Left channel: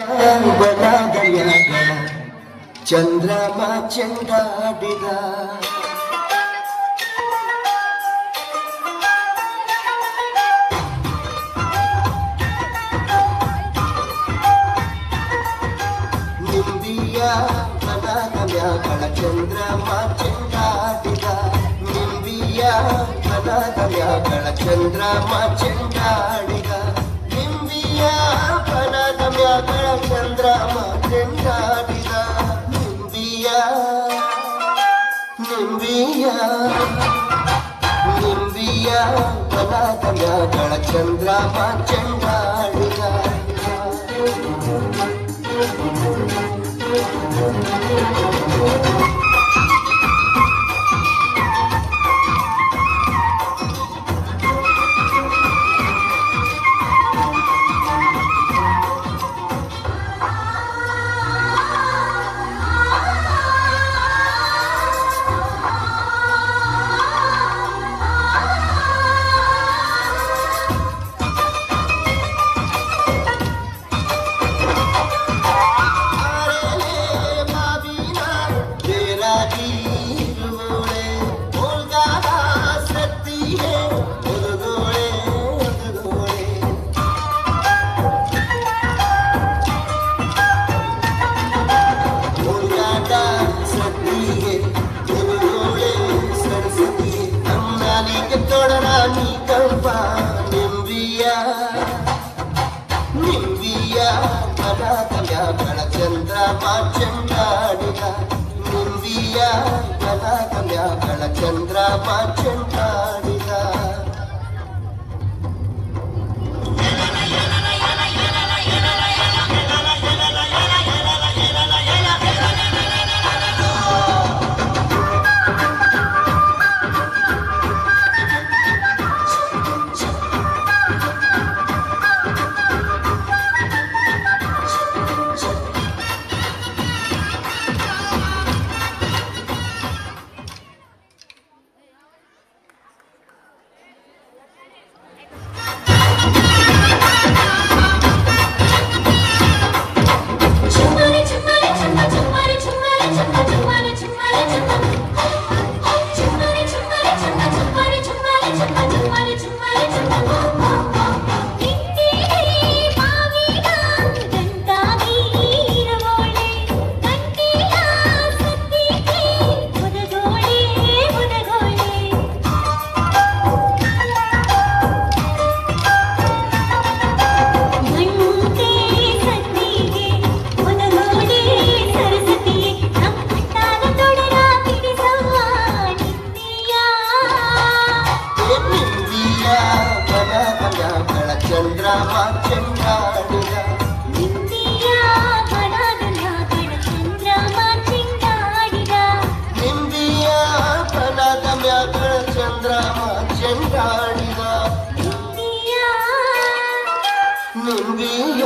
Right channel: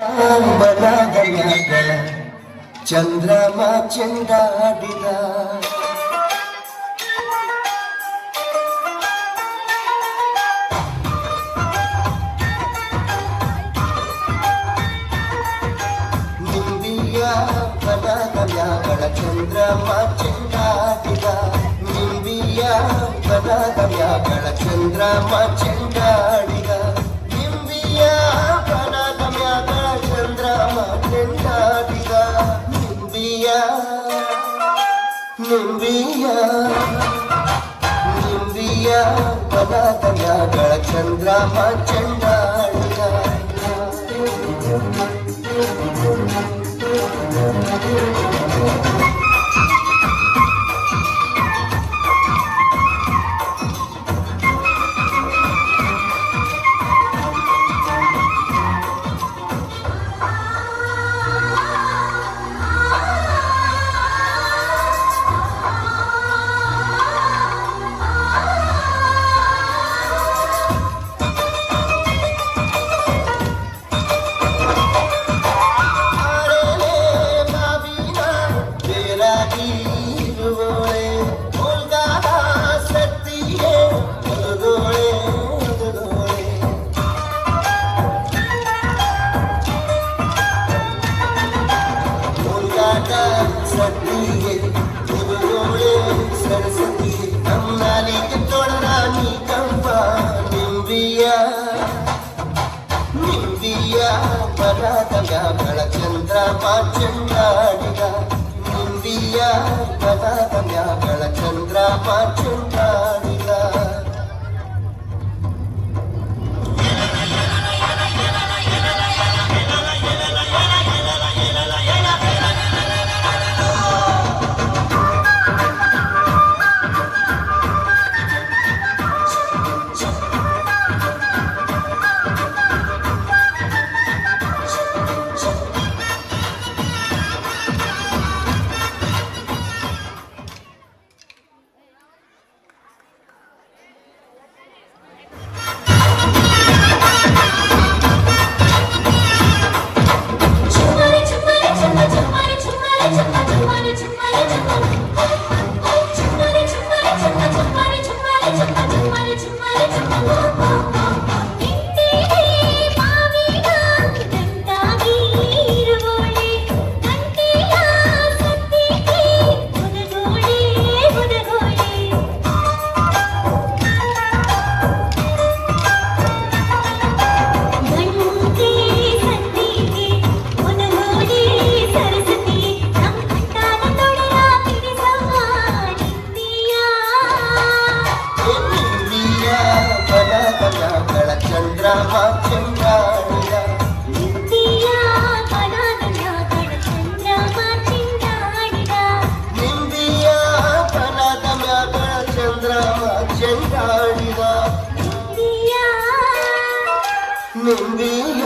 ಬಲಗೈಯಾಗ ಚಂದ್ರಮ ಚೆಂಡಾಡಿದ ನಿಂಬಿಯ ಬಲಗೈಯಾಗಳ ಚಂದ್ರಮ ಚೆಂಡಾಡಿದ ನಿಂಬಿಯ ಬಲಗೈಯಾಗಳ ಚಂದ್ರಮ ಚೆಂಡಾಡಿದ ನಿಂಬಿಯ ಚೆಂಡಾಡಿದ ನಿಂಬಿಯ ಬಲಗೈಯಾಗಳ ಚಂದ್ರಮ ಚೆಂಡಾಡಿದ सरस्वती अम्माली के तोड़रानी कंपा निंबिया बलागैयाಗಳ ಚಂದ್ರಮ ಚೆಂಡಾಡಿದ ನಿಂಬಿಯ ಬಲಾಗೈಯಾಗಳ ಚಂದ್ರಮ ಚೆಂಡಾಡಿದ ಚಂದ್ರಮ ಚೆಂಡಾಡಿದ ನಿಂಬಿಯ ಬಲಾಗೈಯಾಗಳ ಚಂದ್ರಮ ಚೆಂಡಾಡಿದ ನಿಂಬಿಯ ಬಲಾಗೈಯಾಗಳ ಚಂದ್ರಮ ಚೆಂಡಾಡಿದ ನಿಂಬಿಯ